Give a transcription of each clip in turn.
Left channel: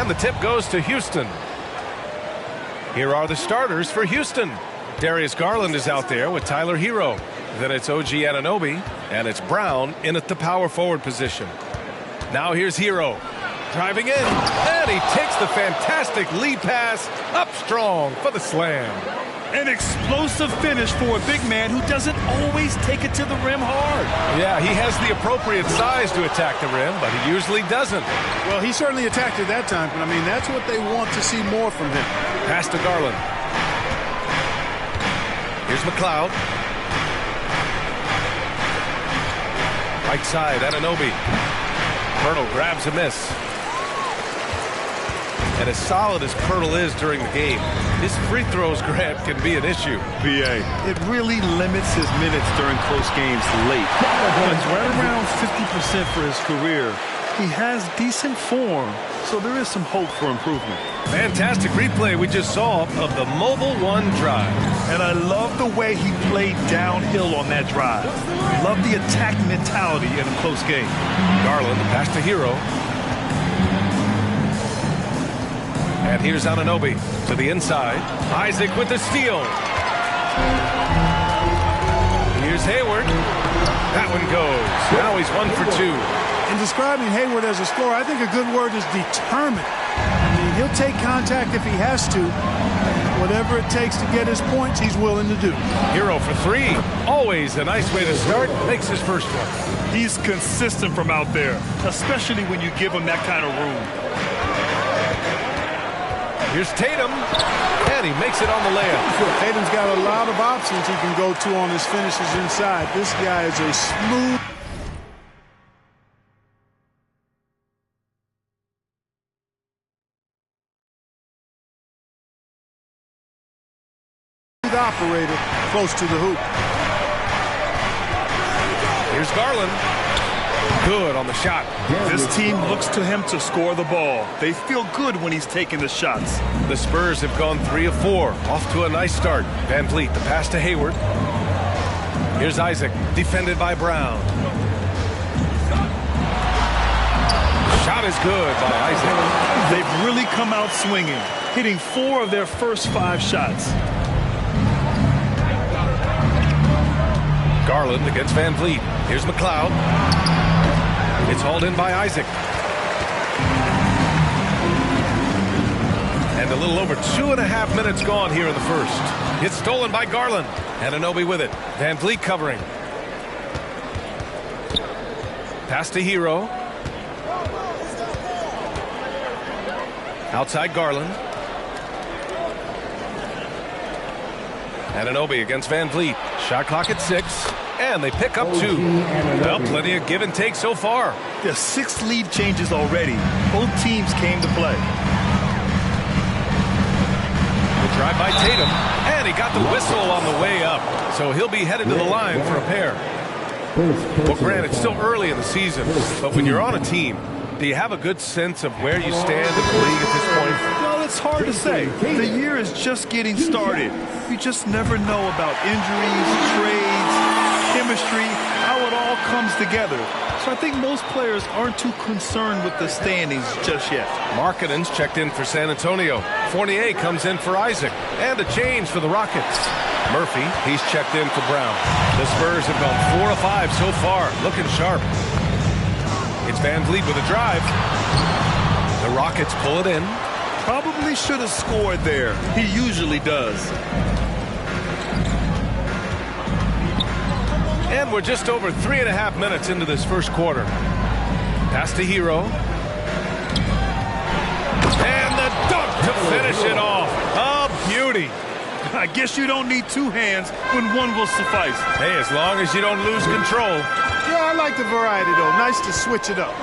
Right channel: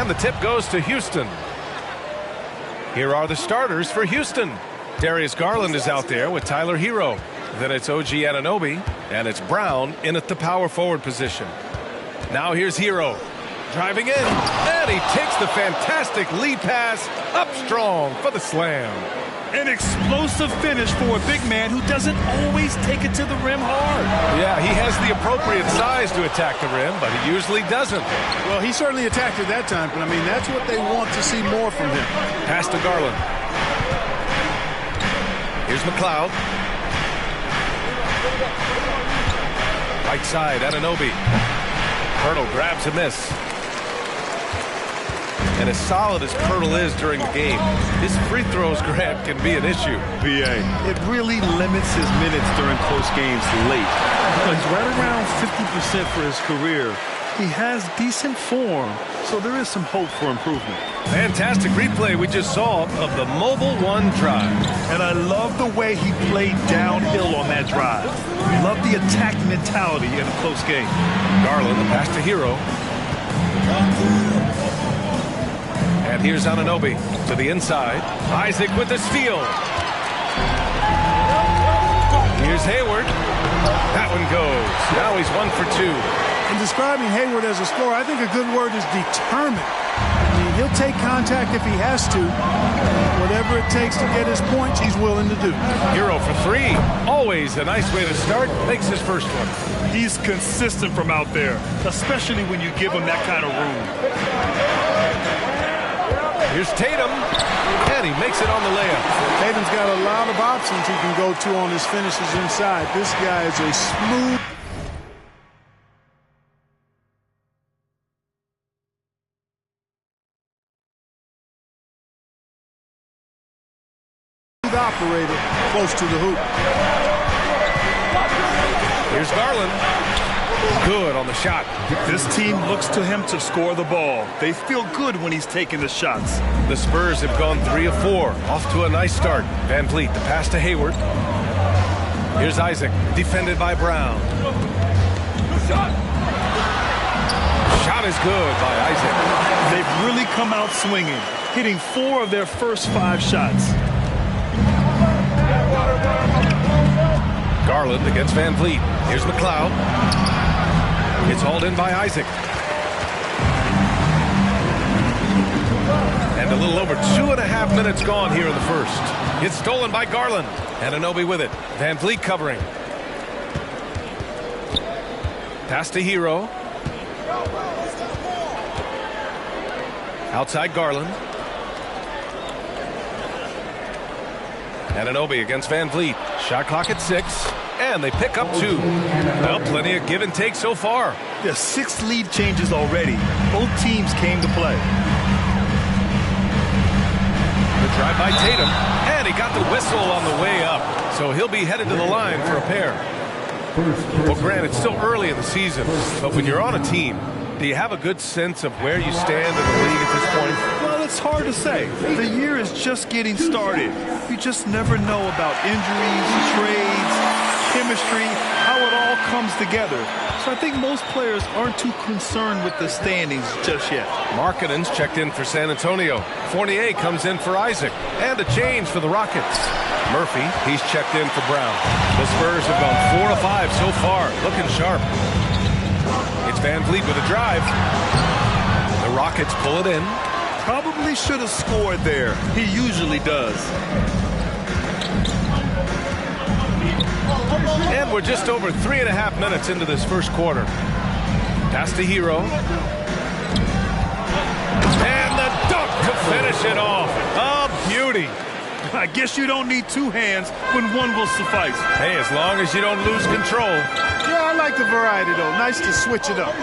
And the tip goes to Houston. Here are the starters for Houston. Darius Garland is out there with Tyler Hero. Then it's OG Anunoby, and it's Brown in at the power forward position. Now here's Hero. Driving in, and he takes the fantastic lead pass up strong for the slam. An explosive finish for a big man who doesn't always take it to the rim hard. Yeah, he has the appropriate size to attack the rim, but he usually doesn't. Well, he certainly attacked it that time, but I mean, that's what they want to see more from him. Pass to Garland. Here's McLeod. Right side, Anunoby. Poeltl grabs a miss. And as solid as Poeltl is during the game, his free throws grab can be an issue. BA, it really limits his minutes during close games late. He's right around 50% for his career. He has decent form, so there is some hope for improvement. Fantastic replay we just saw of the Mobile One drive. And I love the way he played downhill on that drive. Love the attack mentality in a close game. Garland, the pass to Hero. And here's Anunoby to the inside. Isaac with the steal. Here's Hayward. That one goes. Now he's 1 for 2. In describing Hayward as a scorer, I think a good word is determined. I mean, he'll take contact if he has to. And whatever it takes to get his points, he's willing to do. Hero for 3. Always a nice way to start. Makes his first one. He's consistent from out there, especially when you give him that kind of room. Here's Tatum, and he makes it on the layup. Tatum's got a lot of options he can go to on his finishes inside. This guy is a smooth operator close to the hoop. Here's Garland. Good on the shot. This team looks to him to score the ball. They feel good when he's taking the shots. The Spurs have gone 3 of 4. Off to a nice start. Van Vliet, the pass to Hayward. Here's Isaac, defended by Brown. Shot is good by Isaac. They've really come out swinging, hitting 4 of their first 5 shots. Garland against Van Vliet. Here's McLeod. It's hauled in by Isaac. And a little over 2.5 minutes gone here in the first. It's stolen by Garland. Anunoby with it. Van Vliet covering. Pass to Hero. Outside Garland. Anunoby against Van Vliet. Shot clock at 6. And they pick up 2. Well, plenty of give and take so far. Yeah, 6 lead changes already. Both teams came to play. The drive by Tatum. And he got the whistle on the way up. So he'll be headed to the line for a pair. Well, Grant, it's still early in the season. But when you're on a team, do you have a good sense of where you stand in the league at this point? Well, it's hard to say. The year is just getting started. You just never know about injuries, trades, chemistry, how it all comes together. So I think most players aren't too concerned with the standings just yet. Markkanen's checked in for San Antonio. Fournier comes in for Isaac. And a change for the Rockets. Murphy, he's checked in for Brown. The Spurs have gone 4 of 5 so far, looking sharp. It's Van Vliet with a drive. The Rockets pull it in. Probably should have scored there. He usually does. And we're just over 3.5 minutes into this first quarter. Pass to Hero. And the dunk to finish it off. A beauty. I guess you don't need 2 hands when 1 will suffice. Hey, as long as you don't lose control. Yeah, I like the variety, though. Nice to switch it up.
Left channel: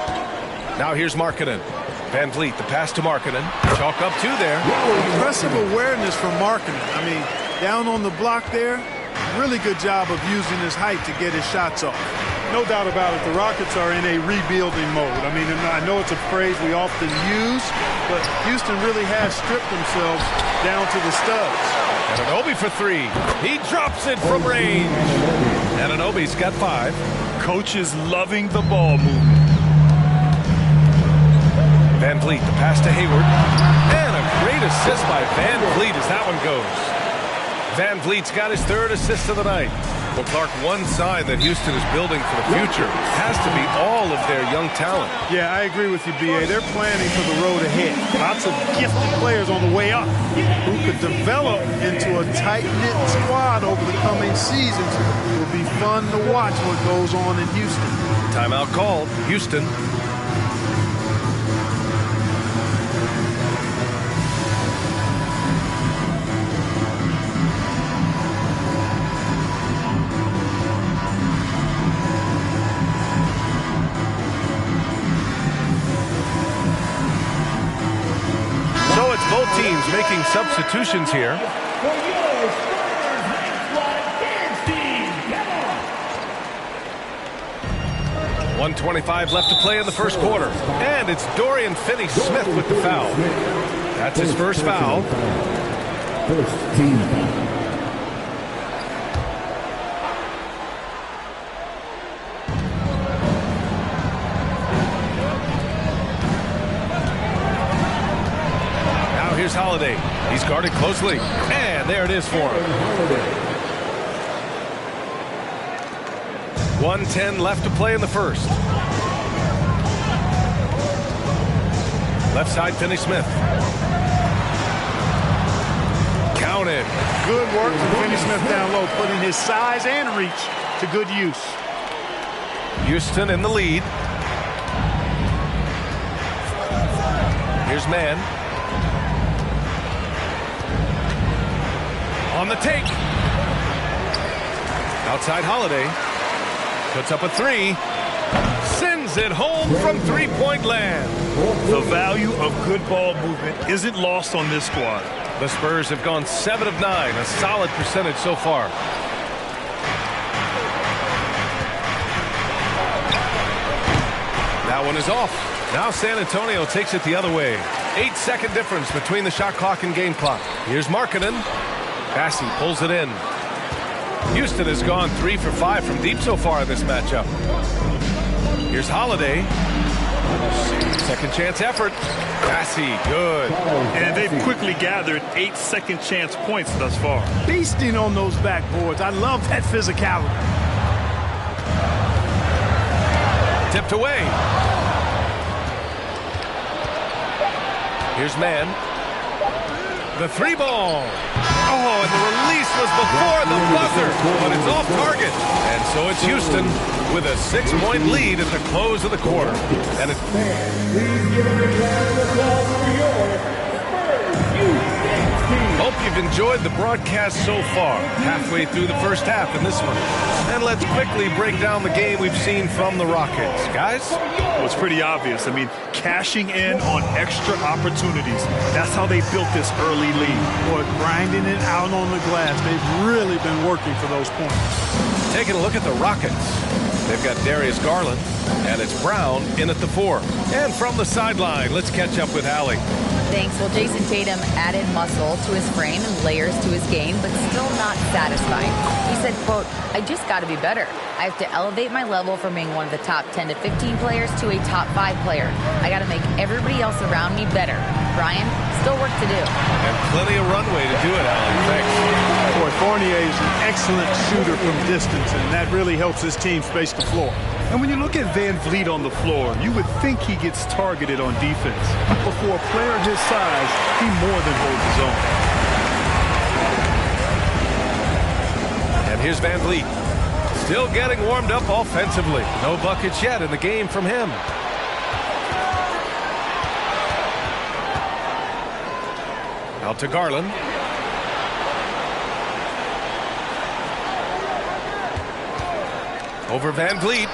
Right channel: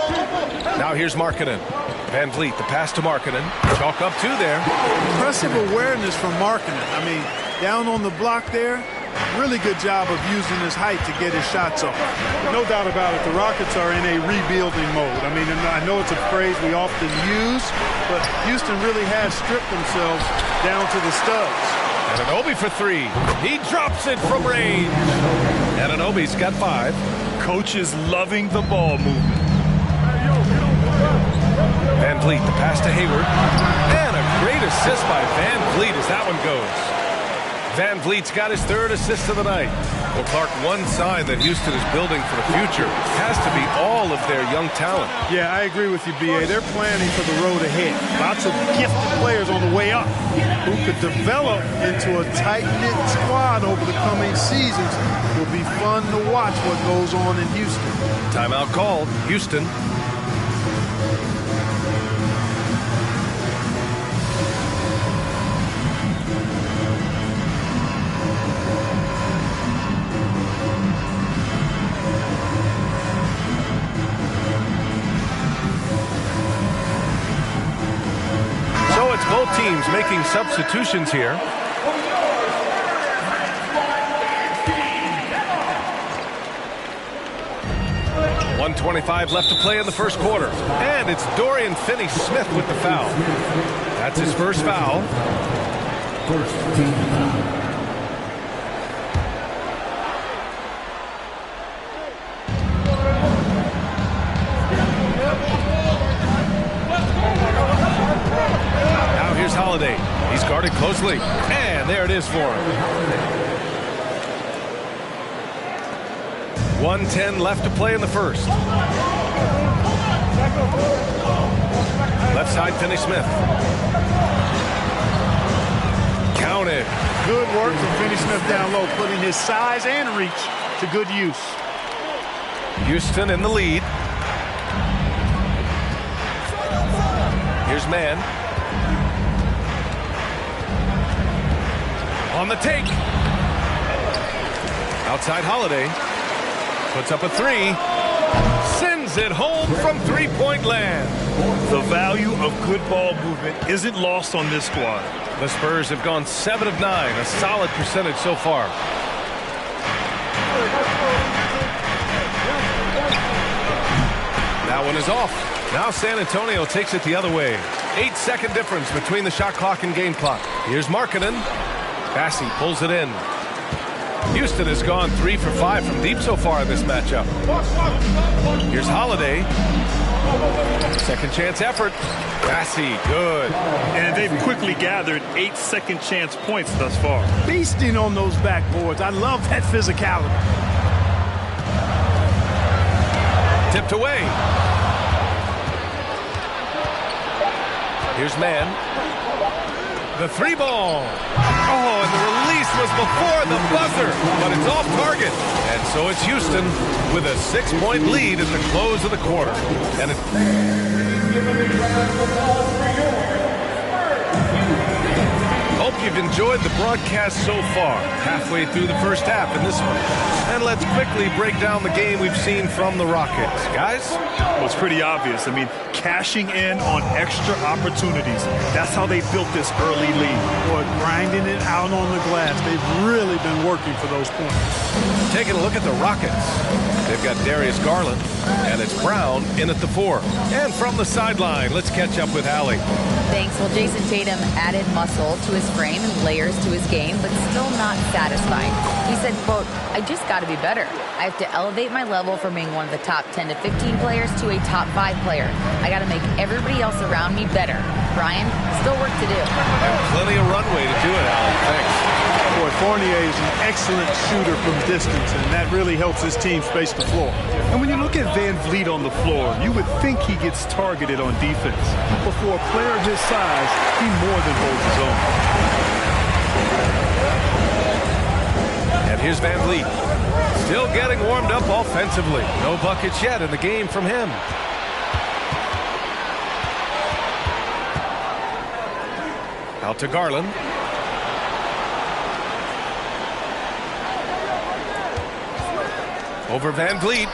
Now here's Markkanen. Van Vliet, the pass to Markkanen. Chalk up 2 there. Impressive awareness from Markkanen. I mean, down on the block there, really good job of using his height to get his shots off. No doubt about it, the Rockets are in a rebuilding mode. I mean, I know it's a phrase we often use, but Houston really has stripped themselves down to the studs. Anunoby for 3. He drops it from range. Anunoby's got 5. Coach is loving the ball movement. Van Vliet, the pass to Hayward. And a great assist by Van Vliet as that one goes. Van Vliet's got his 3rd assist of the night. Well, Clark, one sign that Houston is building for the future has to be all of their young talent. Yeah, I agree with you, B.A. They're planning for the road ahead. Lots of gifted players on the way up who could develop into a tight-knit squad over the coming seasons. It will be fun to watch what goes on in Houston. Timeout called. Houston. So it's both teams making substitutions here. .125 left to play in the first quarter. And it's Dorian Finney-Smith with the foul. That's his first foul. First team foul. Here's Holiday. He's guarded closely. And there it is for him. 1:10 left to play in the first. Left side, Finney-Smith. Counted. Good work from Finney-Smith down low, putting his size and reach to good use. Houston in the lead. Here's Mann. On the take. Outside Holiday. Puts up a 3. Sends it home from three-point land. The value of good ball movement isn't lost on this squad. The Spurs have gone 7 of 9, a solid percentage so far. That one is off. Now San Antonio takes it the other way. 8-second difference between the shot clock and game clock. Here's Markkanen. Bassey pulls it in. Houston has gone 3 for 5 from deep so far in this matchup. Here's Holiday. Second chance effort. Bassey, good. And they've quickly gathered 8 second chance points thus far. Beasting on those backboards. I love that physicality. Tipped away. Here's Mann. The 3 ball. Oh, and the release was before the buzzer, but it's off target. And so it's Houston with a 6-point lead at the close of the quarter. And hope you've enjoyed the broadcast so far. Halfway through the first half in this one. And let's quickly break down the game we've seen from the Rockets. Guys? Well, it's pretty obvious. I mean, cashing in on extra opportunities. That's how they built this early lead. Boy, grinding it out on the glass. They've really been working for those points. Taking a look at the Rockets. They've got Darius Garland, and it's Brown in at the 4. And from the sideline, let's catch up with Allie. Thanks. Well, Jason Tatum added muscle to his frame and layers to his game, but still not satisfied. He said, quote, "I just got to be better. I have to elevate my level from being one of the top 10 to 15 players to a top 5 player. I got to make everybody else around me better." Brian, still work to do. And plenty of runway to do it, Allie. Thanks. Boy, Fournier is an excellent shooter from distance, and that really helps his team space the floor. And when you look at Van Vliet on the floor, you would think he gets targeted on defense. But for a player his size, he more than holds his own. And here's Van Vliet. Still getting warmed up offensively. No buckets yet in the game from him. Out to Garland. Over Van Vliet.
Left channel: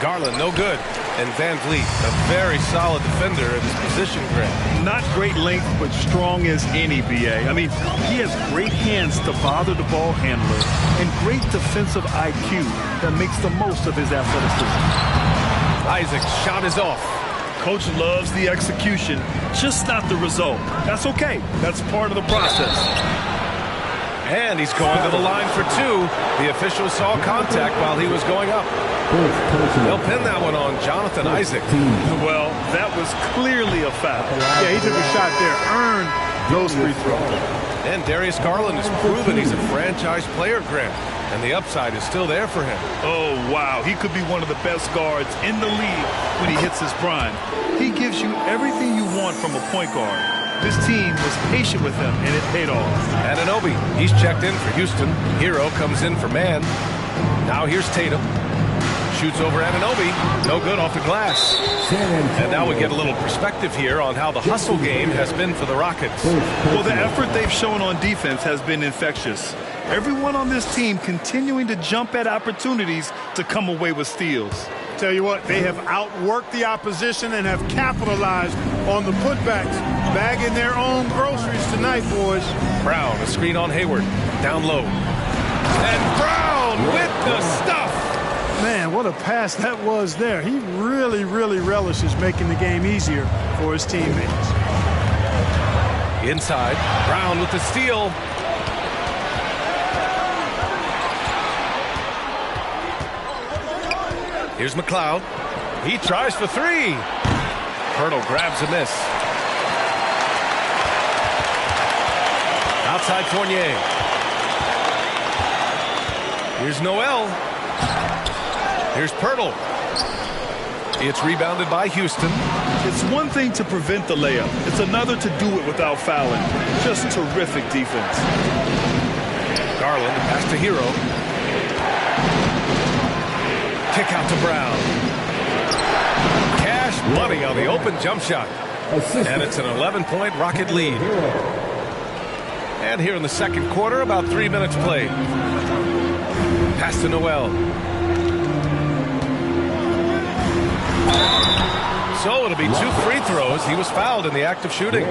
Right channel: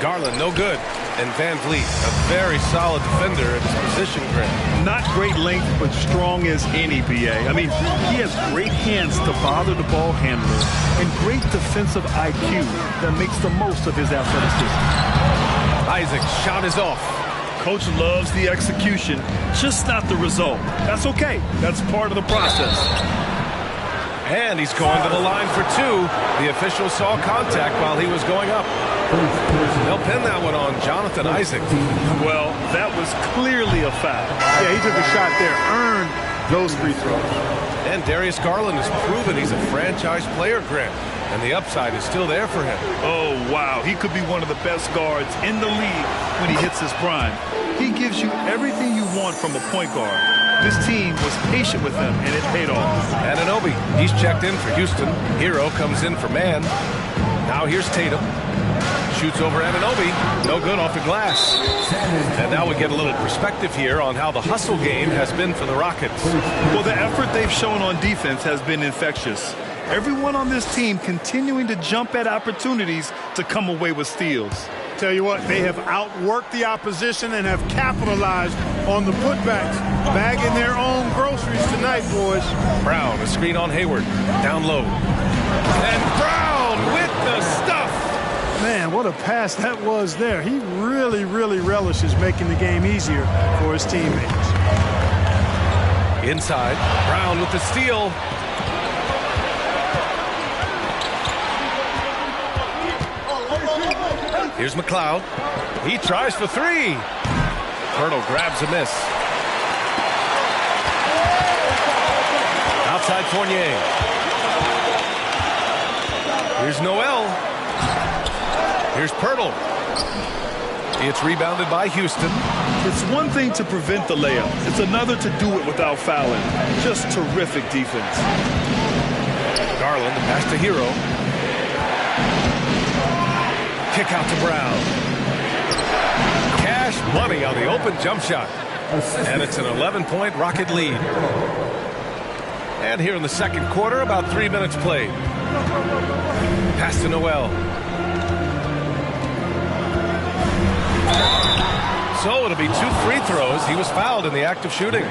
Garland, no good. And Van Vliet, a very solid defender at his position, Grant. Not great length, but strong as any, B.A. I mean, he has great hands to bother the ball handler and great defensive IQ that makes the most of his athleticism. Isaac's shot is off. Coach loves the execution, just not the result. That's okay. That's part of the process. And he's going to the line for 2. The official saw contact while he was going up. They'll pin that one on Jonathan Isaac. Well, that was clearly a foul. Yeah, he took a shot there, earned those free throws. And Darius Garland has proven he's a franchise player, Grant. And the upside is still there for him. Oh, wow. He could be one of the best guards in the league when he hits his prime. He gives you everything you want from a point guard. This team was patient with him, and it paid off. Anunoby, he's checked in for Houston. Hero comes in for man. Now here's Tatum. Shoots over Anunoby. No good off the glass. And now we get a little perspective here on how the hustle game has been for the Rockets. Well, the effort they've shown on defense has been infectious. Everyone on this team continuing to jump at opportunities to come away with steals. Tell you what, they have outworked the opposition and have capitalized on the putbacks. Bagging their own groceries tonight, boys. Brown, a screen on Hayward. Down low. And Brown with the stuff. Man, what a pass that was there. He really, really relishes making the game easier for his teammates. Inside, Brown with the steal. Here's McLeod. He tries for three. Pirtle grabs a miss. Outside Fournier. Here's Noel. Here's Pirtle. It's rebounded by Houston. It's one thing to prevent the layup. It's another to do it without fouling. Just terrific defense. Garland, the pass to Hero. Kick out to Brown. Cash money on the open jump shot. And it's an 11-point Rocket lead. And here in the second quarter, about 3 minutes played. Pass to Noel. So it'll be 2 free throws. He was fouled in the act of shooting.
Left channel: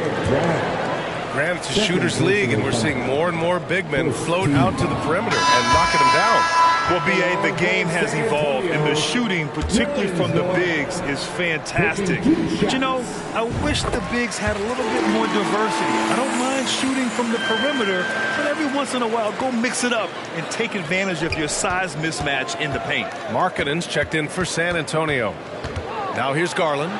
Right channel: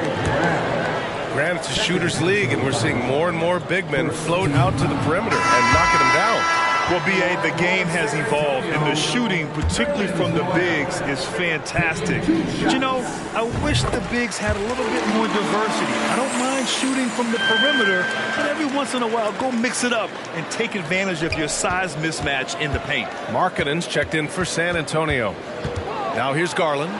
Granted, it's a shooter's league, and we're seeing more and more big men float out to the perimeter and knocking them down. Well, B.A., the game has evolved, and the shooting, particularly from the bigs, is fantastic. But, you know, I wish the bigs had a little bit more diversity. I don't mind shooting from the perimeter, but every once in a while, go mix it up and take advantage of your size mismatch in the paint. Markkanen's checked in for San Antonio. Now here's Garland.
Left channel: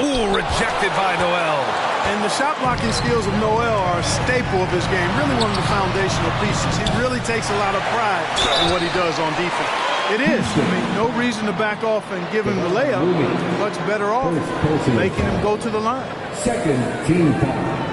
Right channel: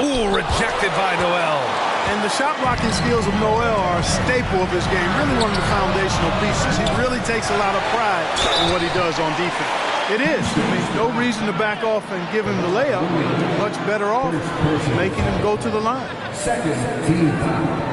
Ooh, rejected by Noel. And the shot blocking skills of Noel are a staple of his game, really one of the foundational pieces. He really takes a lot of pride in what he does on defense. It is. I mean, no reason to back off and give him the layup. Much better off making him go to the line. Second team foul.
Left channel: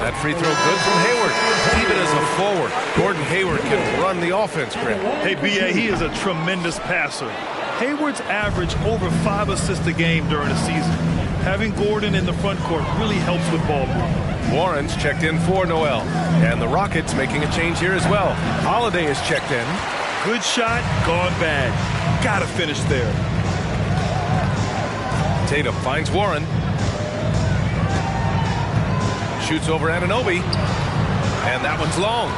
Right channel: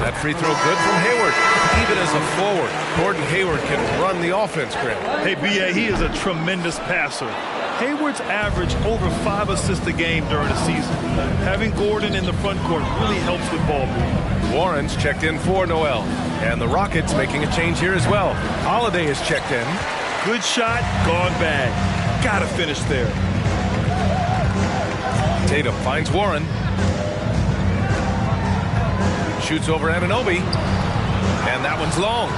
That free throw good from Hayward. Even as a forward, Gordon Hayward can run the offense, Grant. Hey, B.A., he is a tremendous passer. Hayward's averaged over 5 assists a game during the season. Having Gordon in the front court really helps with ball movement. Warren's checked in for Noel. And the Rockets making a change here as well. Holiday is checked in. Good shot, gone bad. Gotta finish there. Tatum finds Warren. Shoots over Anunoby. And that one's long.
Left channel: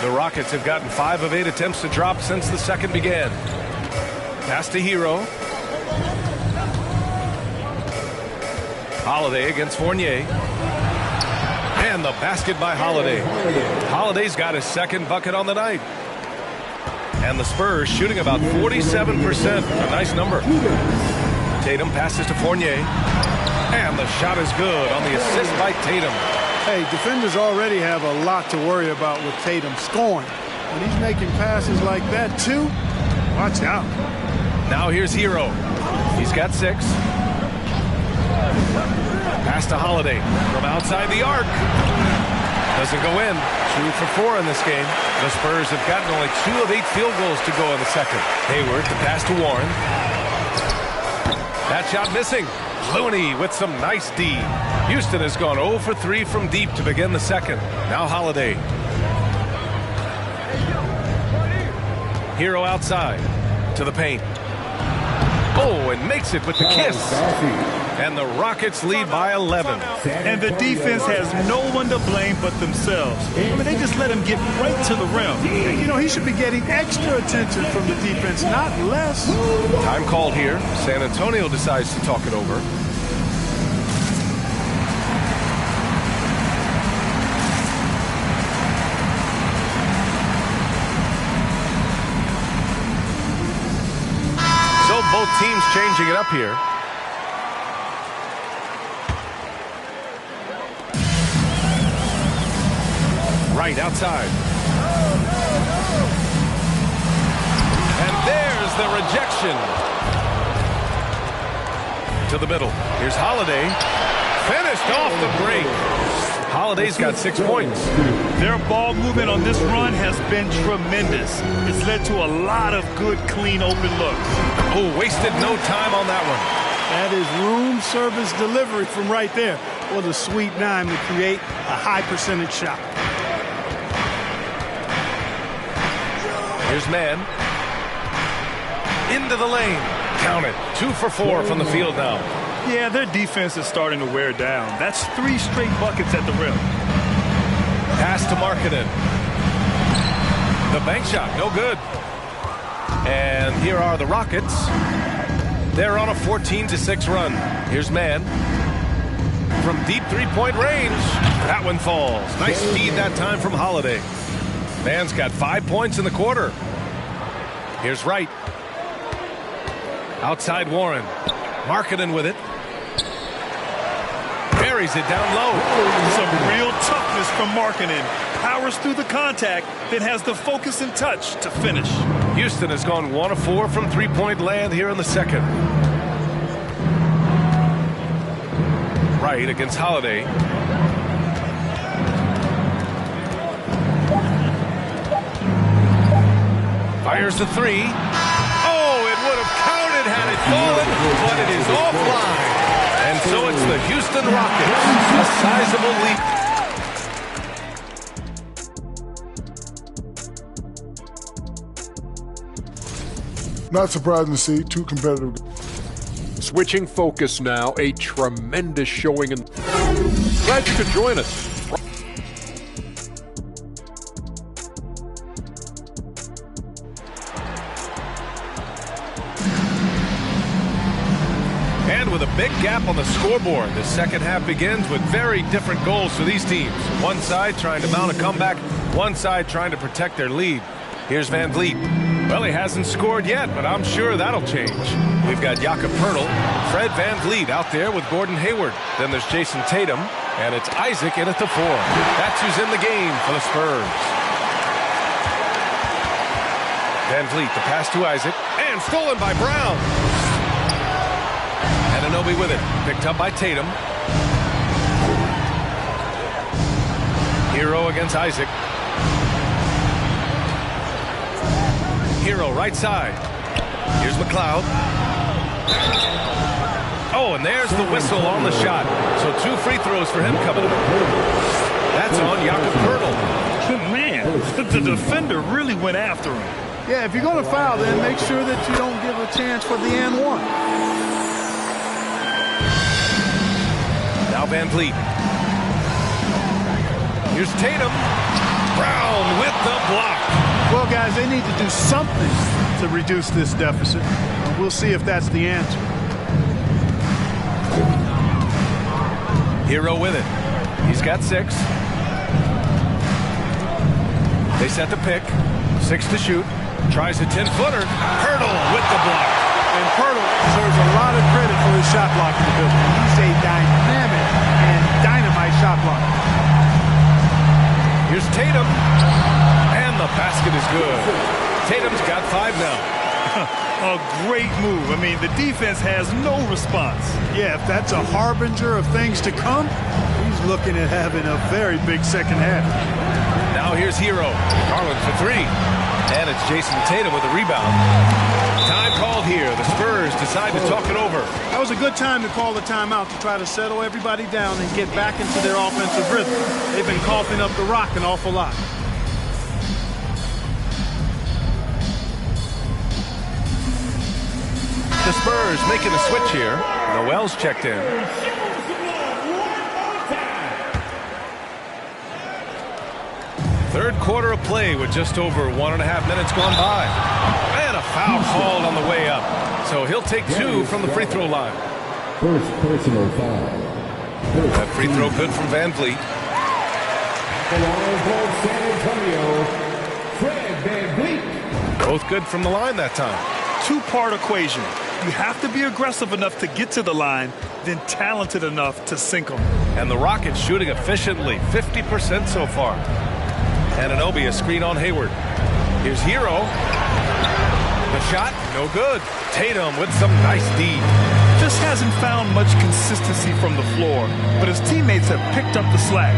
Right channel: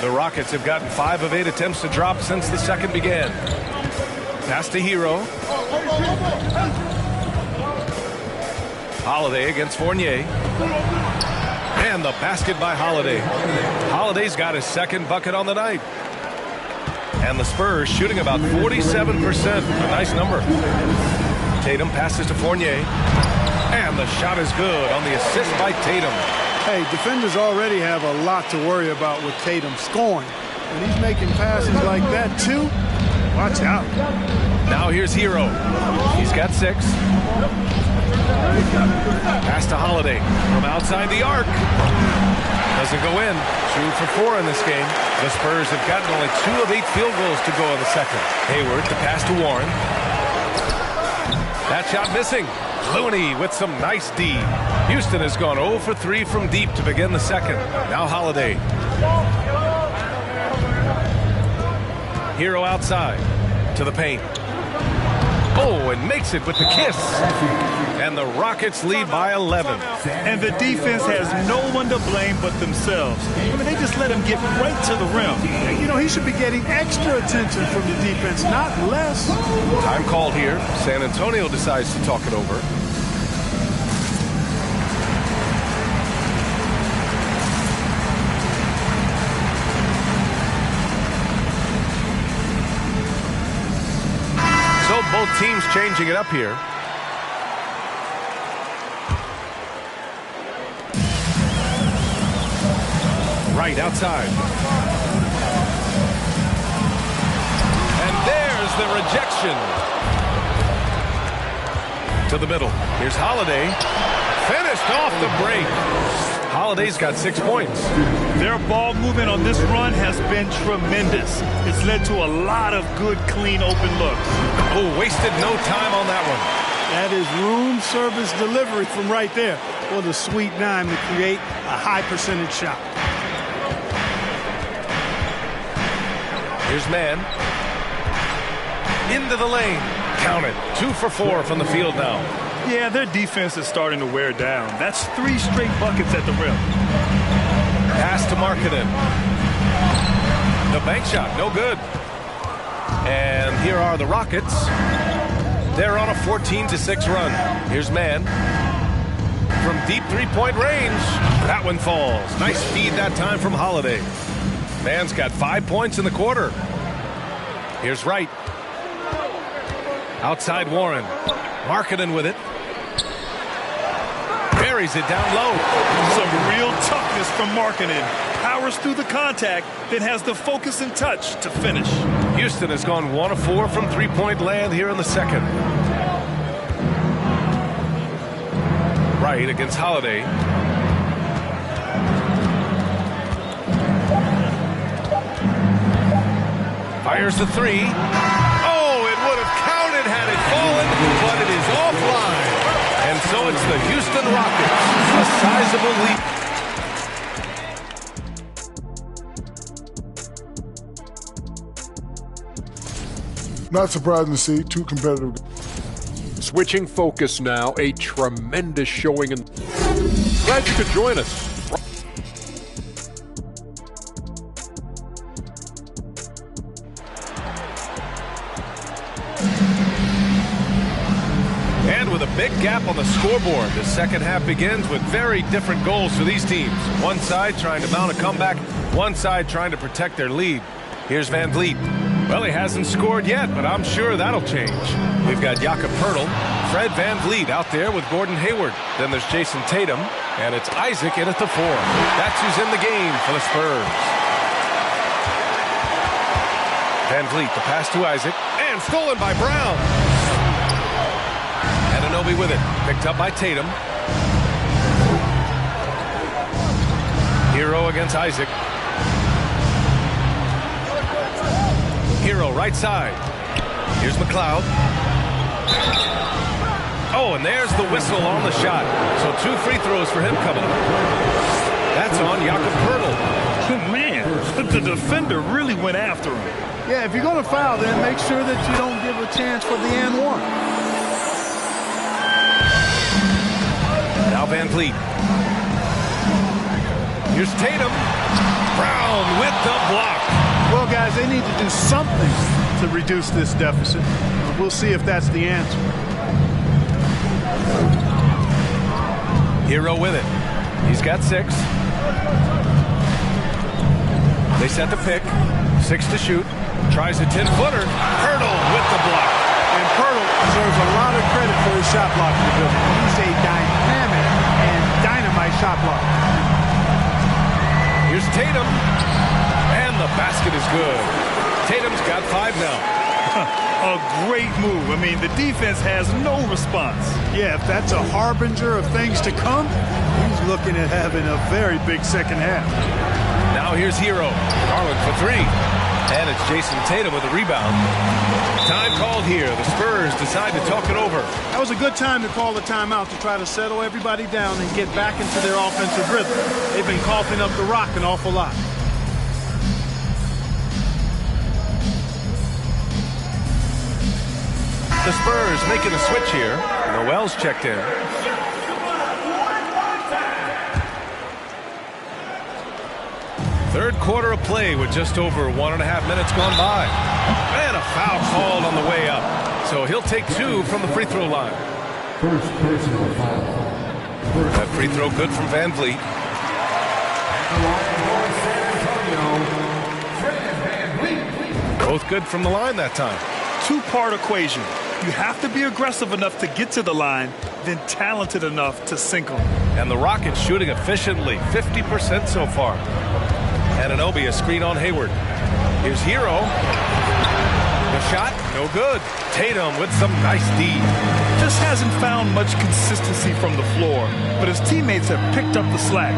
The Rockets have gotten 5 of 8 attempts to drop since the second began. Pass to Hero. Holiday against Fournier. And the basket by Holiday. Holiday's got his second bucket on the night. And the Spurs shooting about 47%. A nice number. Tatum passes to Fournier. And the shot is good on the assist by Tatum. Hey, defenders already have a lot to worry about with Tatum scoring. When he's making passes like that, too, watch out. Now here's Hero. He's got 6. Pass to Holiday from outside the arc. Doesn't go in. 2 for 4 in this game. The Spurs have gotten only 2 of 8 field goals to go in the second. Hayward, the pass to Warren. That shot missing. Looney with some nice D. Houston has gone 0 for 3 from deep to begin the second. Now Holiday. Hero outside to the paint. Oh, and makes it with the kiss. And the Rockets lead by 11. And the defense has no one to blame but themselves. I mean, they just let him get right to the rim. You know, he should be getting extra attention from the defense, not less. Time called here. San Antonio decides to talk it over. both teams changing it up here. Right outside. And there's the rejection. To the middle. Here's Holiday. Finished off the break. Holiday's got 6 points. Their ball movement on this run has been tremendous. It's led to a lot of good, clean, open looks. Oh, wasted no time on that one. That is room service delivery from right there. What a sweet dime to create a high percentage shot. Here's man. Into the lane. Count it. 2 for 4 from the field now. Yeah, their defense is starting to wear down. That's 3 straight buckets at the rim. Pass to Markkanen. The bank shot, no good. And here are the Rockets. They're on a 14-6 run. Here's man. From deep three-point range. That one falls. Nice feed that time from Holiday. Man's got 5 points in the quarter. Here's Wright. Outside Warren. Markkanen with it. Buries it down low. Some real toughness from Markkanen. Powers through the contact, then has the focus and touch to finish. Houston has gone 1 of 4 from three-point land here in the second. Wright against Holiday. Fires the 3. Oh, it would have counted had it fallen, but it is offline. And so it's the Houston Rockets, a sizable lead. Not surprising to see 2 competitive. Switching focus now, a tremendous showing. Glad you could join us. And with a big gap on the scoreboard, the second half begins with very different goals for these teams. One side trying to mount a comeback, one side trying to protect their lead. Here's Van Vliet. Well, he hasn't scored yet, but I'm sure that'll change. We've got Jakob Poeltl, Fred Van Vliet out there with Gordon Hayward. Then there's Jason Tatum, and it's Isaac in at the 4. That's who's in the game for the Spurs. Van Vliet, the pass to Isaac, and stolen by Brown. Anunoby with it, picked up by Tatum. Hero against Isaac. Hero right side. Here's McLeod. Oh, and there's the whistle on the shot. So 2 free throws for him coming up. That's on Jakob Poeltl. Man, the defender really went after him. Yeah, if you're going to foul, then make sure that you don't give a chance for the and one. Now Van Vliet. Here's Tatum. Brown with the block. Well, guys, they need to do something to reduce this deficit. We'll see if that's the answer. Hero with it. He's got 6. They set the pick. 6 to shoot. Tries a 10-footer. Poeltl with the block. And Poeltl deserves a lot of credit for his shot blocking ability. He's a dynamic and dynamite shot blocker. Here's Tatum. And the basket is good. Tatum's got 5 now. A great move. I mean, the defense has no response. Yeah, if that's a harbinger of things to come, he's looking at having a very big second half. Now here's Hero. Garland for 3. And it's Jason Tatum with a rebound. Time called here. The Spurs decide to talk it over. That was a good time to call the timeout to try to settle everybody down and get back into their offensive rhythm. They've been coughing up the rock an awful lot. The Spurs making a switch here. Noel's checked in. Third quarter of play with just over 1.5 minutes gone by. And a foul called on the way up. So he'll take 2 from the free throw line. First personal foul. That free throw good from Van Vliet. The line for San Antonio, Fred Van Vliet. Both good from the line that time. Two-part equation. You have to be aggressive enough to get to the line, then talented enough to sink them. And the Rockets shooting efficiently, 50% so far. Anunoby, a screen on Hayward. Here's Hero. The shot, no good. Tatum with some nice D. Just hasn't found much consistency from the floor, but his teammates have picked up the slack.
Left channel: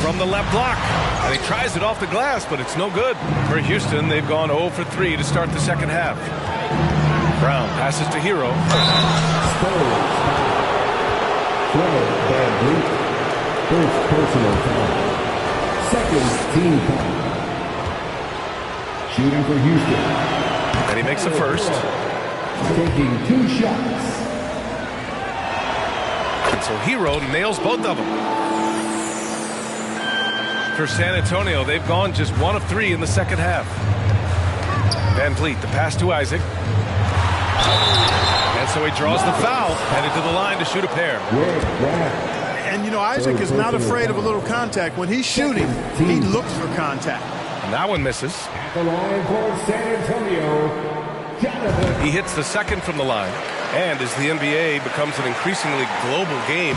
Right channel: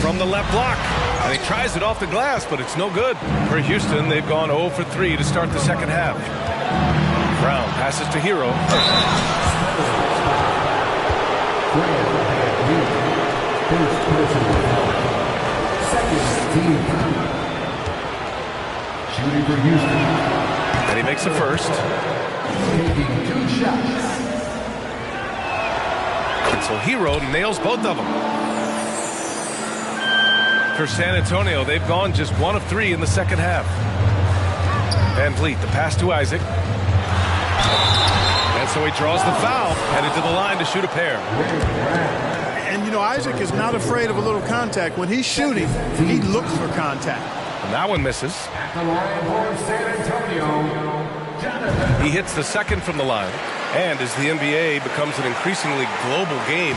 From the left block, and he tries it off the glass, but it's no good. For Houston, they've gone 0 for 3 to start the second half. Brown passes to Hero. First personal foul. Second team foul. Shooting for Houston. And he makes the first. Taking 2 shots. And so Hero nails both of them. For San Antonio, they've gone just 1 of 3 in the second half. Van Vliet, the pass to Isaac. And so he draws the foul, headed to the line to shoot a pair. And, you know, Isaac is not afraid of a little contact. When he's shooting, he looks for contact. And that one misses. At the line for San Antonio, Jonathan. He hits the second from the line. And as the NBA becomes an increasingly global game,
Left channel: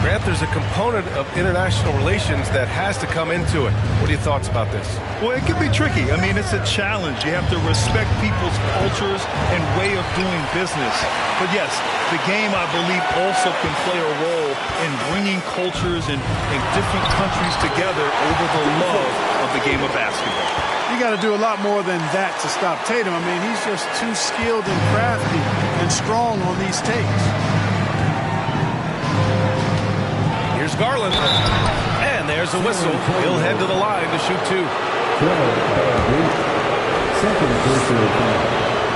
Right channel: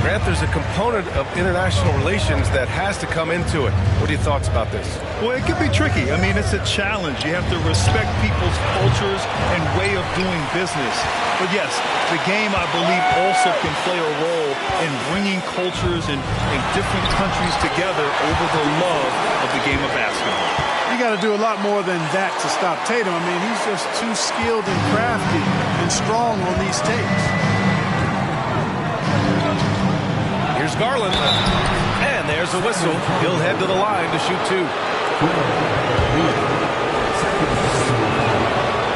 Grant, there's a component of international relations that has to come into it. What are your thoughts about this? Well, it can be tricky. I mean, it's a challenge. You have to respect people's cultures and way of doing business. But yes, the game, I believe, also can play a role in bringing cultures in different countries together over the love of the game of basketball. You got to do a lot more than that to stop Tatum. I mean, he's just too skilled and crafty and strong on these takes. Here's Garland, and there's a whistle. He'll head to the line to shoot 2.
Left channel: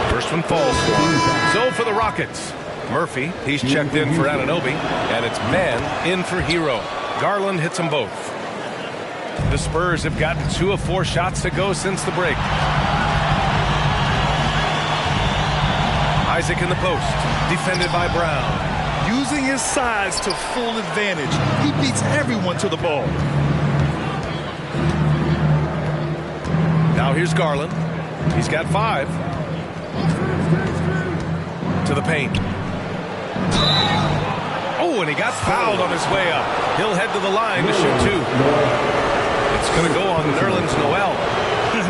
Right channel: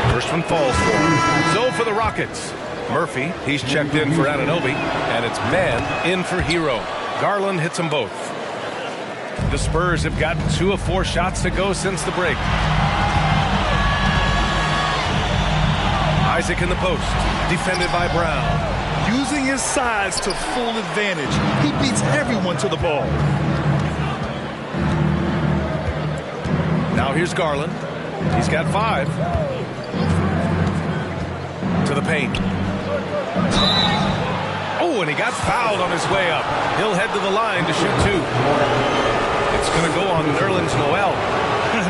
First one falls for him. So for the Rockets, Murphy, he's checked in for Anunoby, and it's man in for Hero. Garland hits them both. The Spurs have gotten 2 of 4 shots to go since the break. Isaac in the post, defended by Brown. Using his size to full advantage, he beats everyone to the ball. Now here's Garland. He's got 5. To the paint. Oh, and he got fouled on his way up. He'll head to the line to shoot 2. It's going to go on Nerlens Noel.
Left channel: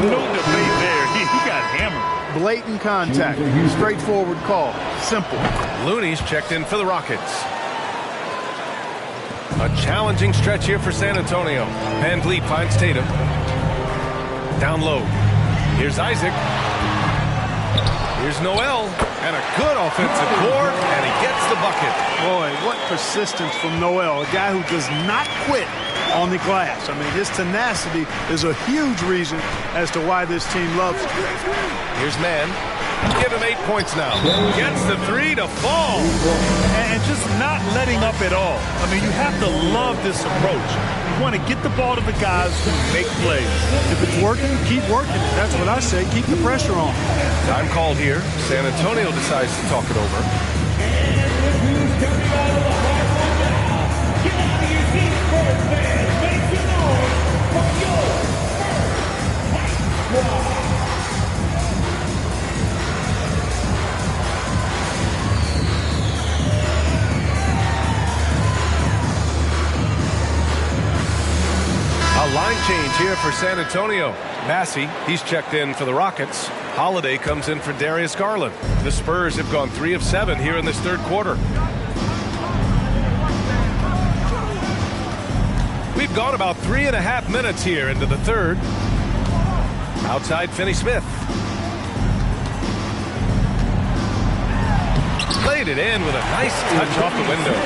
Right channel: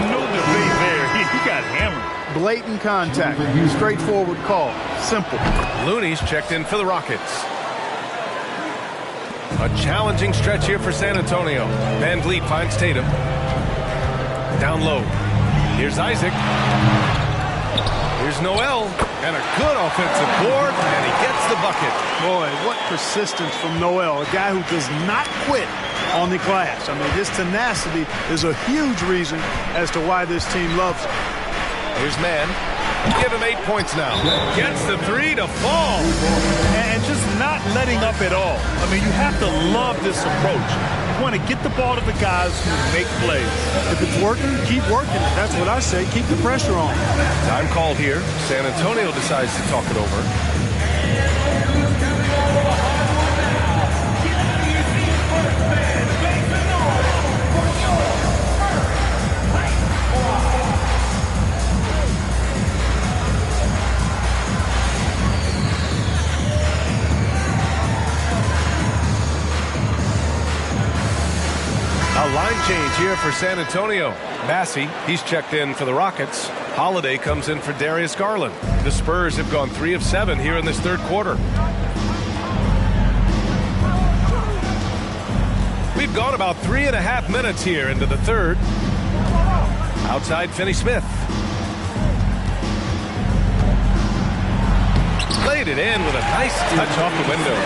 No debate there. He got hammered. Blatant contact. Straightforward call. Simple. Looney's checked in for the Rockets. A challenging stretch here for San Antonio. Van Vliet finds Tatum. Down low. Here's Isaac. Here's Noel. And a good offensive board, and he gets the bucket. Boy, what persistence from Noel, a guy who does not quit on the glass. I mean, his tenacity is a huge reason as to why this team loves him. Here's Man. Give him 8 points now. Gets the 3 to fall. And just not letting up at all. I mean, you have to love this approach. You want to get the ball to the guys who make plays. If it's working, keep working it. That's what I say. Keep the pressure on. Time called here. San Antonio decides to talk it over. A line change here for San Antonio. Massey, he's checked in for the Rockets. Holiday comes in for Darius Garland. The Spurs have gone 3 of 7 here in this third quarter. We've gone about 3.5 minutes here into the third. Outside Finney-Smith. Played it in with a nice touch off the window.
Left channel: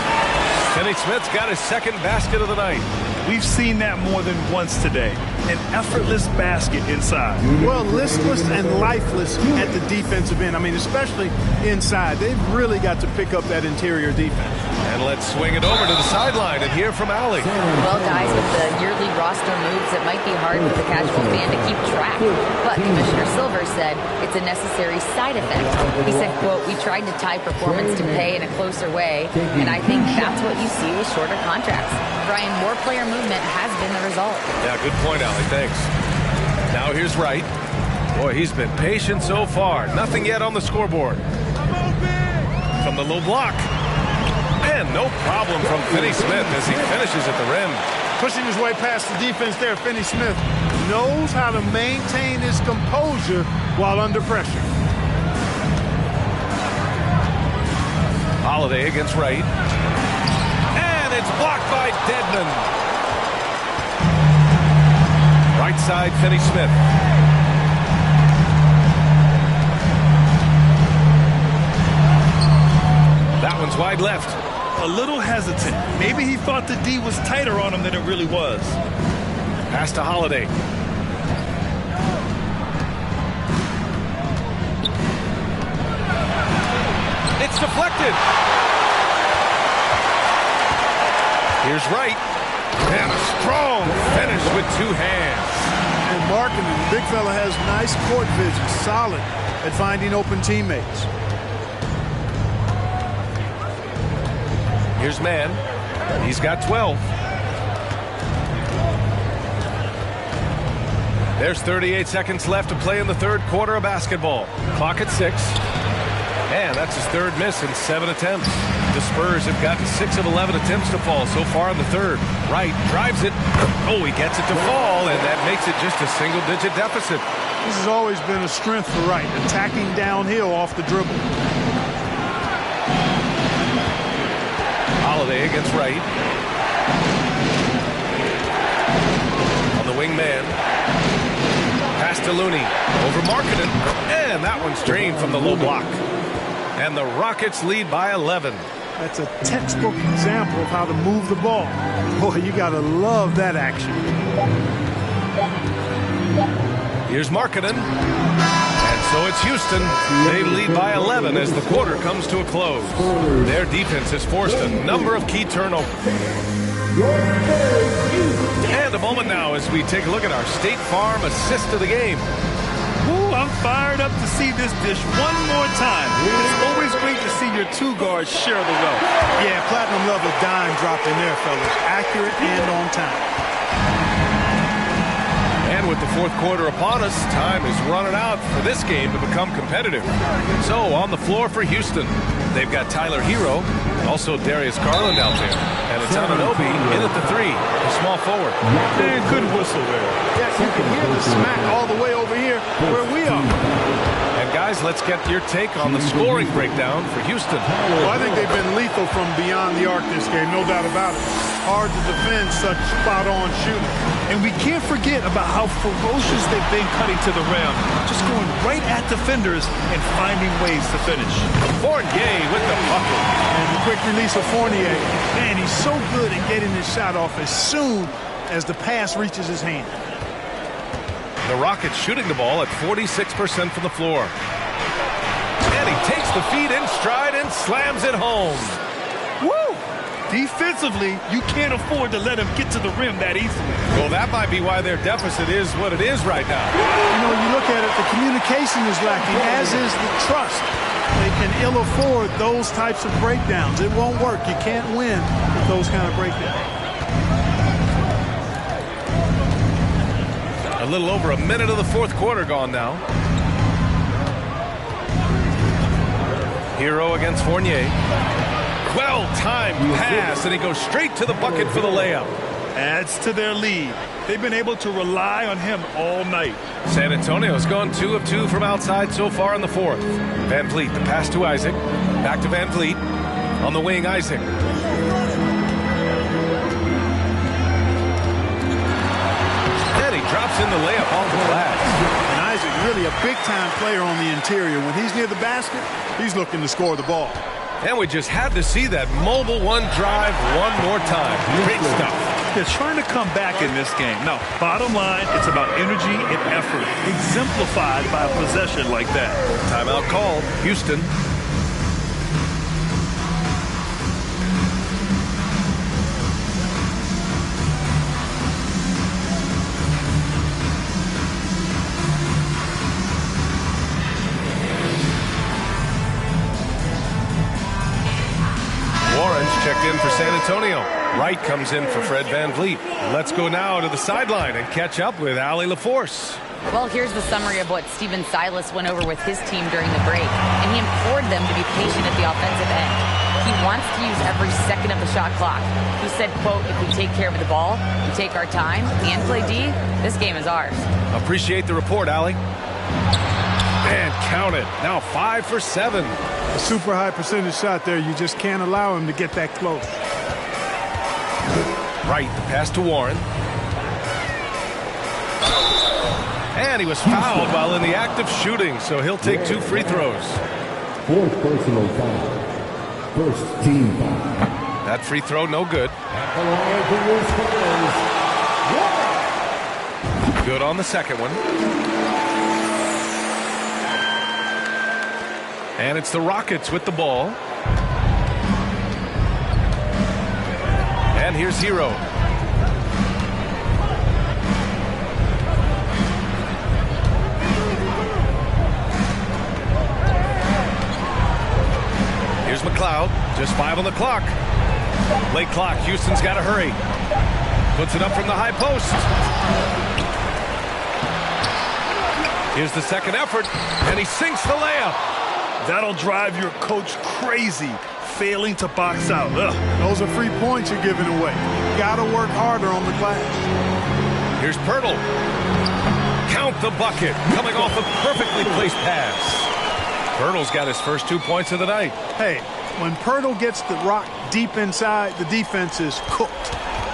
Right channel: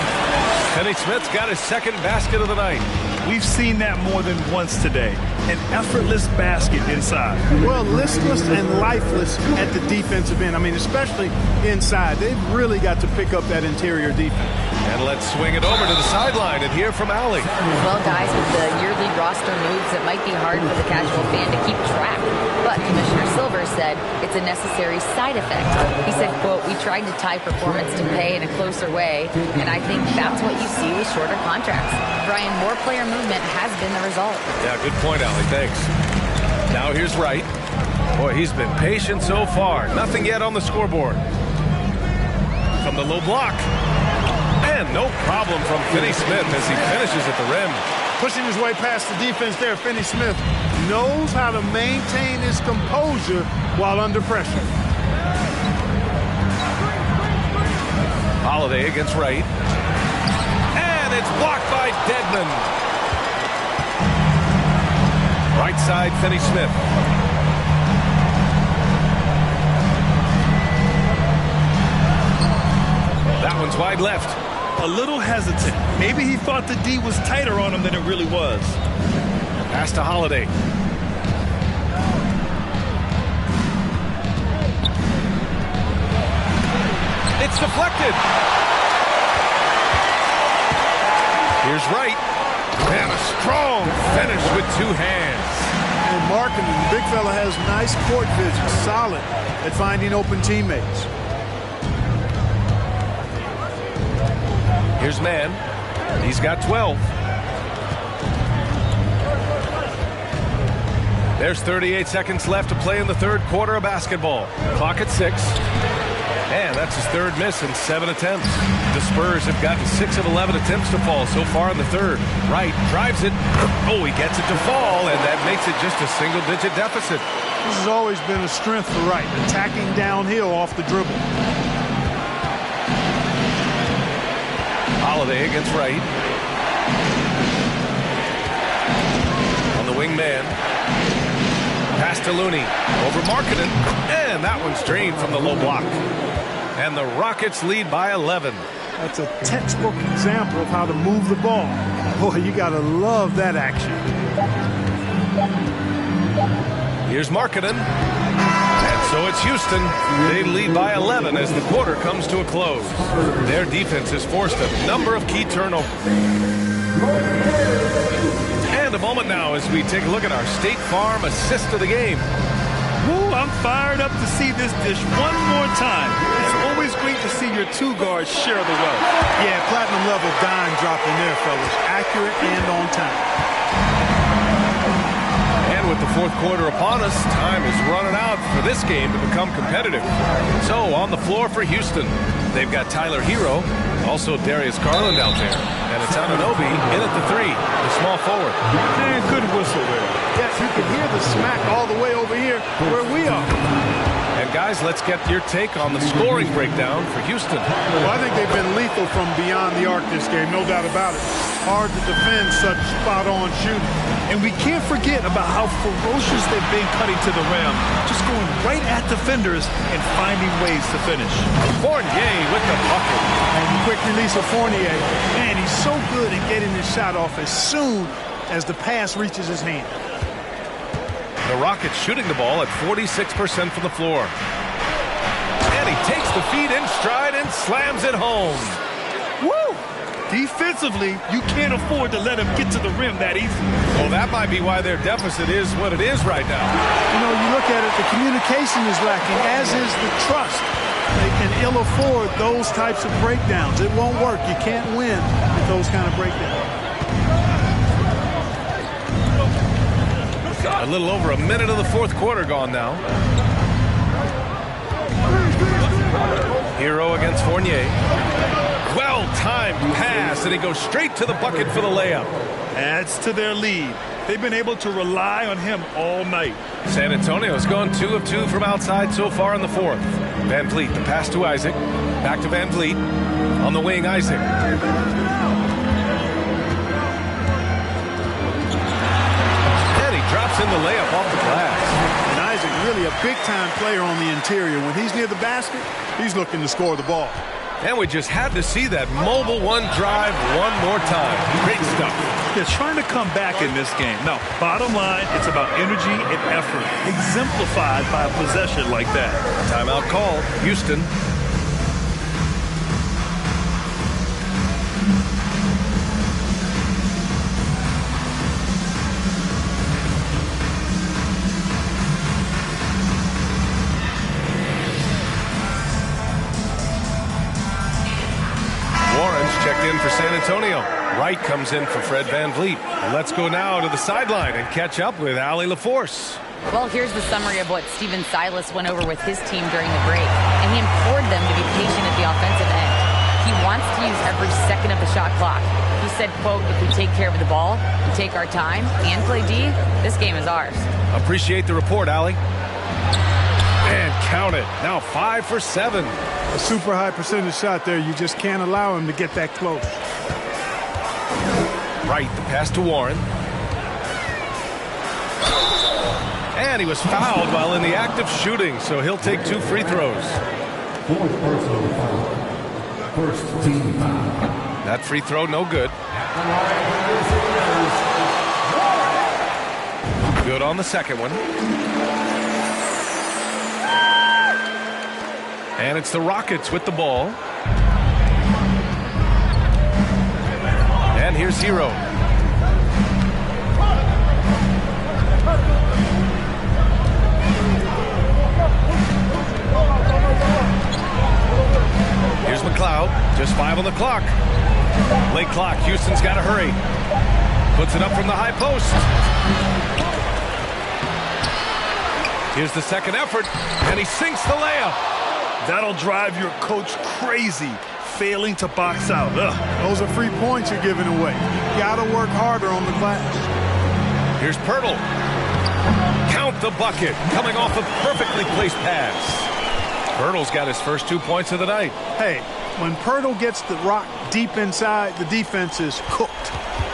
Finney-Smith's got his second basket of the night. We've seen that more than once today. An effortless basket inside. Well, listless and lifeless at the defensive end. I mean, especially inside. They've really got to pick up that interior defense. And let's swing it over to the sideline and hear from Allie. Well, guys, with the yearly roster moves, it might be hard for the casual fan to keep track. But Commissioner Silver said it's a necessary side effect. He said, quote, "We tried to tie performance to pay in a closer way, and I think that's what you see with shorter contracts." Brian, more player movement has been the result. Yeah, good point, Allie. Thanks. Now here's Wright. Boy, he's been patient so far. Nothing yet on the scoreboard. From the low block. And no problem from Finney Smith as he finishes at the rim. Pushing his way past the defense there, Finney Smith knows how to maintain his composure while under pressure. Holiday against Wright. And it's blocked by Dedmon. Right side, Finney Smith. That one's wide left. A little hesitant. Maybe he thought the D was tighter on him than it really was. Pass to Holiday. It's deflected. Here's Wright. And a strong finish with two hands. And Markkanen, the big fella, has nice court vision, solid at finding open teammates. Here's Mann. He's got 12. There's 38 seconds left to play in the third quarter of basketball. Clock at 6. And that's his third miss in 7 attempts. The Spurs have gotten 6 of 11 attempts to fall so far in the third. Wright drives it. Oh, he gets it to fall, and that makes it just a single-digit deficit. This has always been a strength for Wright, attacking downhill off the dribble. Holiday against Wright. On the wing man. Pass to Looney. Over Markkanen. And that one's drained from the low block. And the Rockets lead by 11. That's a textbook example of how to move the ball. Boy, you got to love that action. Here's Markkanen. And so it's Houston. They lead by 11 as the quarter comes to a close. Their defense has forced a number of key turnovers. And a moment now as we take a look at our State Farm assist of the game. Woo, I'm fired up to see this dish one more time. It's always great to see your two guards share the wealth. Yeah, platinum level dime dropped in there, fellas. Accurate and on time. And with the fourth quarter upon us, time is running out for this game to become competitive. So on the floor for Houston, they've got Tyler Hero, also Darius Garland out there, and it's Anunoby in at the 3, the small forward. Man, good whistle there. Yeah, you can hear the smack all the way over here where we are. And guys, let's get your take on the scoring breakdown for Houston. Well, I think they've been lethal from beyond the arc this game, no doubt about it. Hard to defend such spot-on shooting. And we can't forget about how ferocious they've been cutting to the rim, just going right at defenders and finding ways to finish. Fournier with the bucket. And the quick release of Fournier. Man, he's so good at getting his shot off as soon as the pass reaches his hand. The Rockets shooting the ball at 46% from the floor. And he takes the feed in stride and slams it home. Woo! Defensively, you can't afford to let him get to the rim that easily. Well, that might be why their deficit is what it is right now. You know, you look at it, the communication is lacking, as is the trust. They can ill afford those types of breakdowns. It won't work. You can't win with those kind of breakdowns. A little over a minute of the fourth quarter gone now. Hero against Fournier. Well-timed pass, and he goes straight to the bucket for the layup. Adds to their lead. They've been able to rely on him all night. San Antonio's gone 2 of 2 from outside so far in the fourth. Van Vliet, the pass to Isaac. Back to Van Vliet. On the wing, Isaac. And he drops in the layup off the glass. And Isaac really a big-time player on the interior. When he's near the basket, he's looking to score the ball. And we just had to see that mobile one drive one more time. Great stuff. They're trying to come back in this game. Now, bottom line, it's about energy and effort, exemplified by a possession like that. Timeout called. Houston. Warren's checked in for San Antonio. Wright comes in for Fred Van Vliet. Let's go now to the sideline and catch up with Allie LaForce. Well, here's the summary of what Stephen Silas went over with his team during the break, and he implored them to be patient at the offensive end. He wants to use every second of the shot clock. He said, quote, if we take care of the ball and take our time and play D, this game is ours. Appreciate the report, Allie. And count it. Now 5 for 7. A super high percentage shot there. You just can't allow him to get that close. Right, the pass to Warren. And he was fouled while in the act of shooting, so he'll take 2 free throws. 4th personal foul. 1st team foul. That free throw, no good. At the line for this one is Warren. Good on the second one. And it's the Rockets with the ball. And here's Hero. Here's McLeod. Just 5 on the clock. Late clock. Houston's got to hurry. Puts it up from the high post. Here's the second effort, and he sinks the layup. That'll drive your coach crazy, failing to box out. Ugh. Those are free points you're giving away. You got to work harder on the glass. Here's Pirtle. Count the bucket, coming off a perfectly placed pass. Pirtle's got his first 2 points of the night. Hey, when Pirtle gets the rock deep inside, the defense is cooked.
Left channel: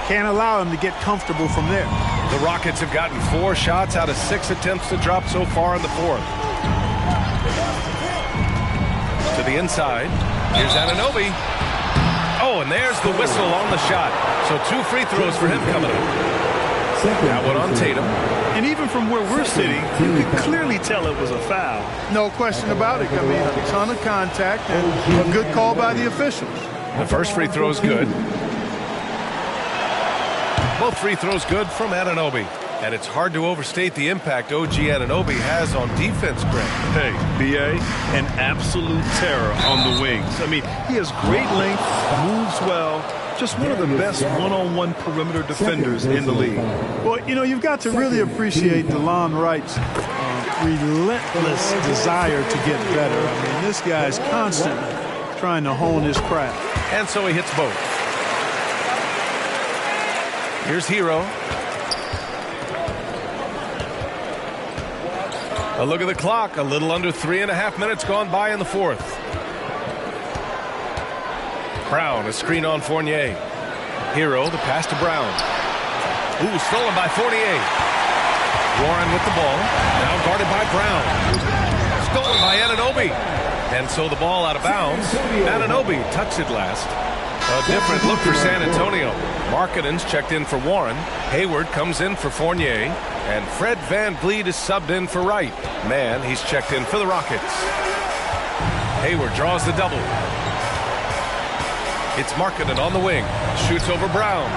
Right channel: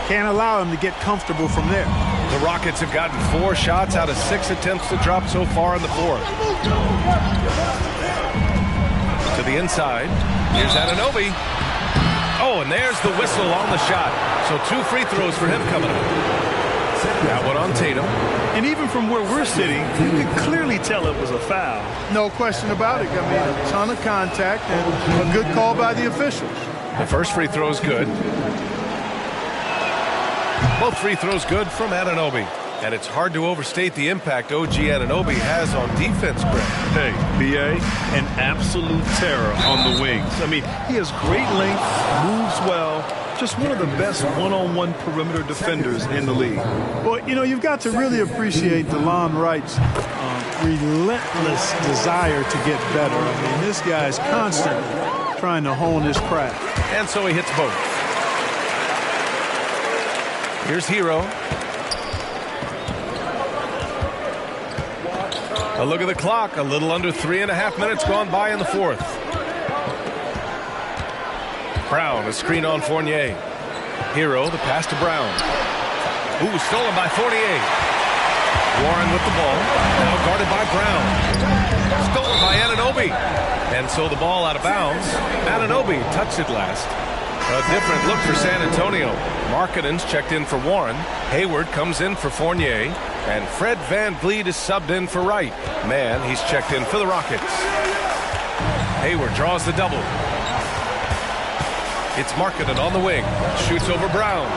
Can't allow him to get comfortable from there. The Rockets have gotten 4 shots out of 6 attempts to drop so far in the fourth. To the inside. Here's Anunoby. Oh, and there's the whistle on the shot. So 2 free throws for him coming up. That one on Tatum. And even from where we're sitting, you could clearly tell it was a foul. No question about it. I mean, a ton of contact and a good call by the officials. The first free throw is good. Both free throws good from Anunoby. And it's hard to overstate the impact OG Anunoby has on defense, Greg. Hey, B.A., an absolute terror on the wings. I mean, he has great length, moves well, just one of the best one-on-one perimeter defenders in the league. Well, you know, you've got to really appreciate DeLon Wright's relentless desire to get better. I mean, this guy's constantly trying to hone his craft. And so he hits both. Here's Hero. A look at the clock. A little under 3.5 minutes gone by in the fourth. Brown, a screen on Fournier. Hero, the pass to Brown. Ooh, stolen by Fournier. Warren with the ball. Now guarded by Brown. Stolen by Anunoby. And so the ball out of bounds. Anunoby touched it last. A different look for San Antonio. Markkanen's checked in for Warren. Hayward comes in for Fournier. And Fred VanVleet is subbed in for Wright. Man, he's checked in for the Rockets. Hayward draws the double. It's Markkanen on the wing. Shoots over Brown.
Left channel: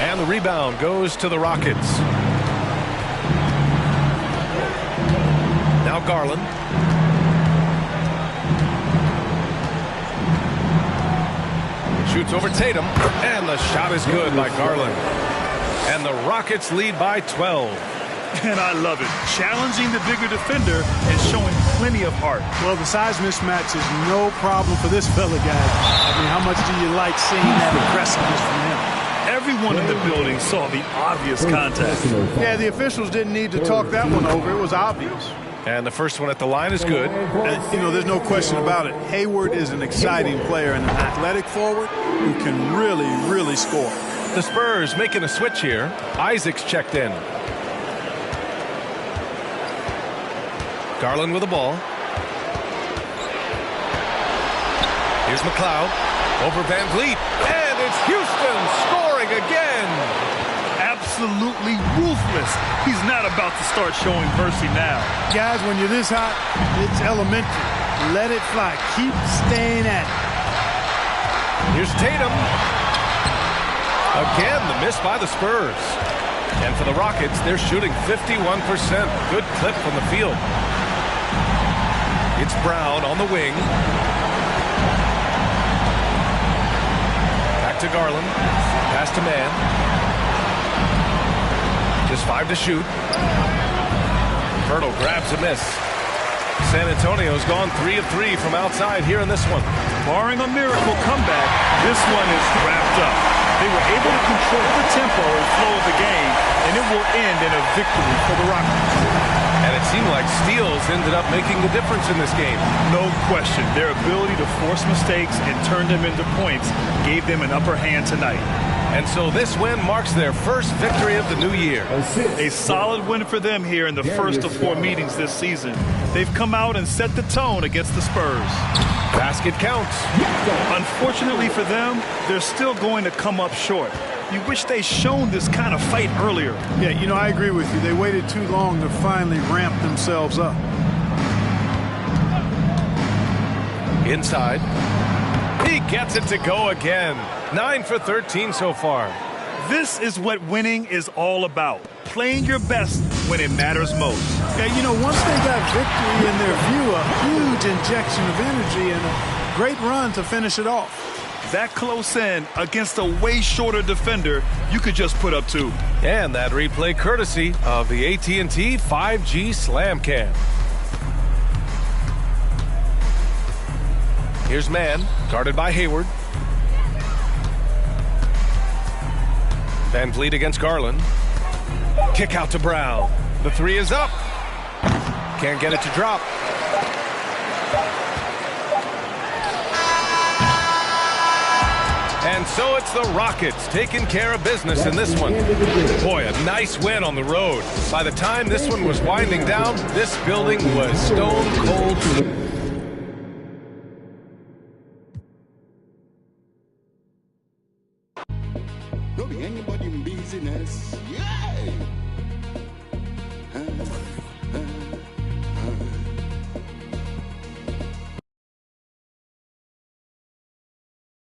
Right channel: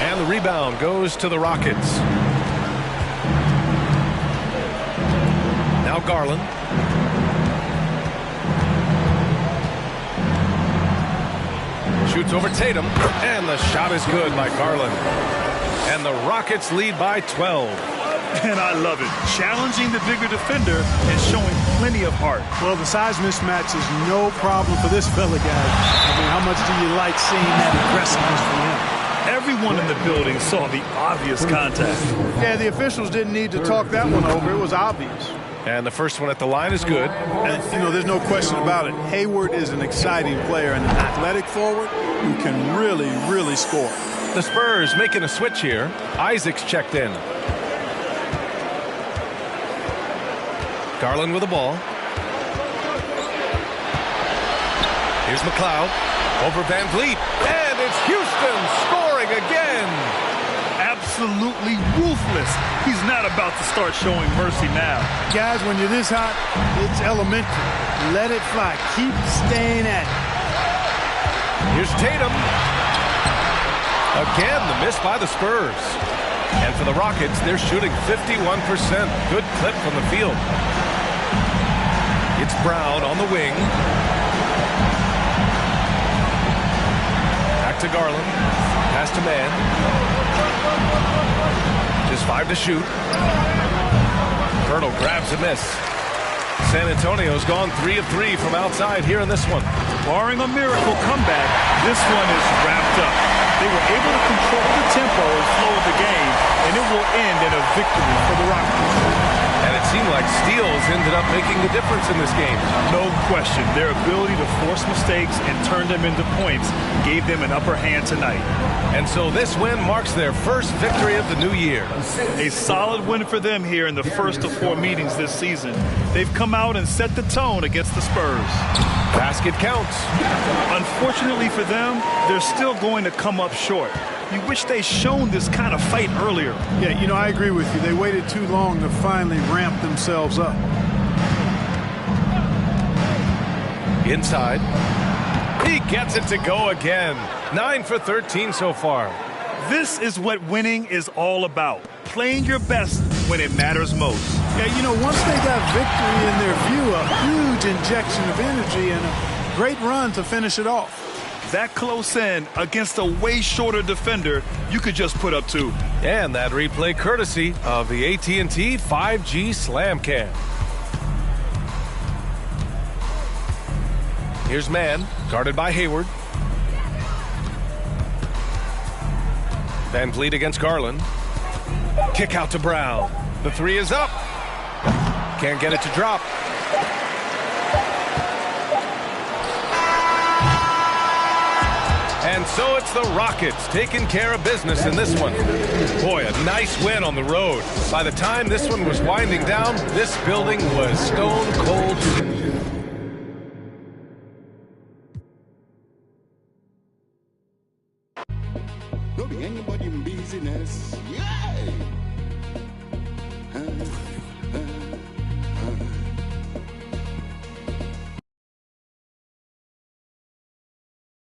And the rebound goes to the Rockets. Now Garland. Shoots over Tatum. And the shot is good by Garland. And the Rockets lead by 12. And I love it. Challenging the bigger defender and showing plenty of heart. Well, the size mismatch is no problem for this fella, guys. I mean, how much do you like seeing that aggressiveness from him? Everyone in the building saw the obvious contact. Yeah, the officials didn't need to talk that one over. It was obvious. And the first one at the line is good. And, you know, there's no question about it. Hayward is an exciting player and an athletic forward who can really, really score. The Spurs making a switch here. Isaac's checked in. Garland with the ball. Here's McLeod over VanVleet. And it's Houston scoring again. Absolutely ruthless. He's not about to start showing mercy now. Guys, when you're this hot, it's elementary. Let it fly. Keep staying at it. Here's Tatum. Again, the miss by the Spurs. And for the Rockets, they're shooting 51%. Good clip from the field. It's Brown on the wing. Back to Garland. Pass to Mann. Just 5 to shoot. Hurdle grabs a miss. San Antonio's gone 3 of 3 from outside here in this one. Barring a miracle comeback, this one is wrapped up. They were able to control the tempo and flow of the game, and it will end in a victory for the Rockets. And it seemed like steals ended up making the difference in this game. No question. Their ability to force mistakes and turn them into points gave them an upper hand tonight. And so this win marks their first victory of the new year. A solid win for them here in the first of 4 meetings this season. They've come out and set the tone against the Spurs. Basket counts. Unfortunately for them, they're still going to come up short. You wish they'd shown this kind of fight earlier. Yeah, you know, I agree with you. They waited too long to finally ramp themselves up. Inside. He gets it to go again. 9 for 13 so far. This is what winning is all about. Playing your best when it matters most. Yeah, you know, once they got victory in their view, a huge injection of energy and a great run to finish it off. That close in against a way shorter defender, you could just put up 2. And that replay courtesy of the AT&T 5G Slam Cam. Here's Mann, guarded by Hayward. Van Vliet against Garland. Kick out to Brown. The 3 is up. Can't get it to drop. And so it's the Rockets taking care of business in this one. Boy, a nice win on the road. By the time this one was winding down, this building was stone cold. Don't be anybody in business. Yeah.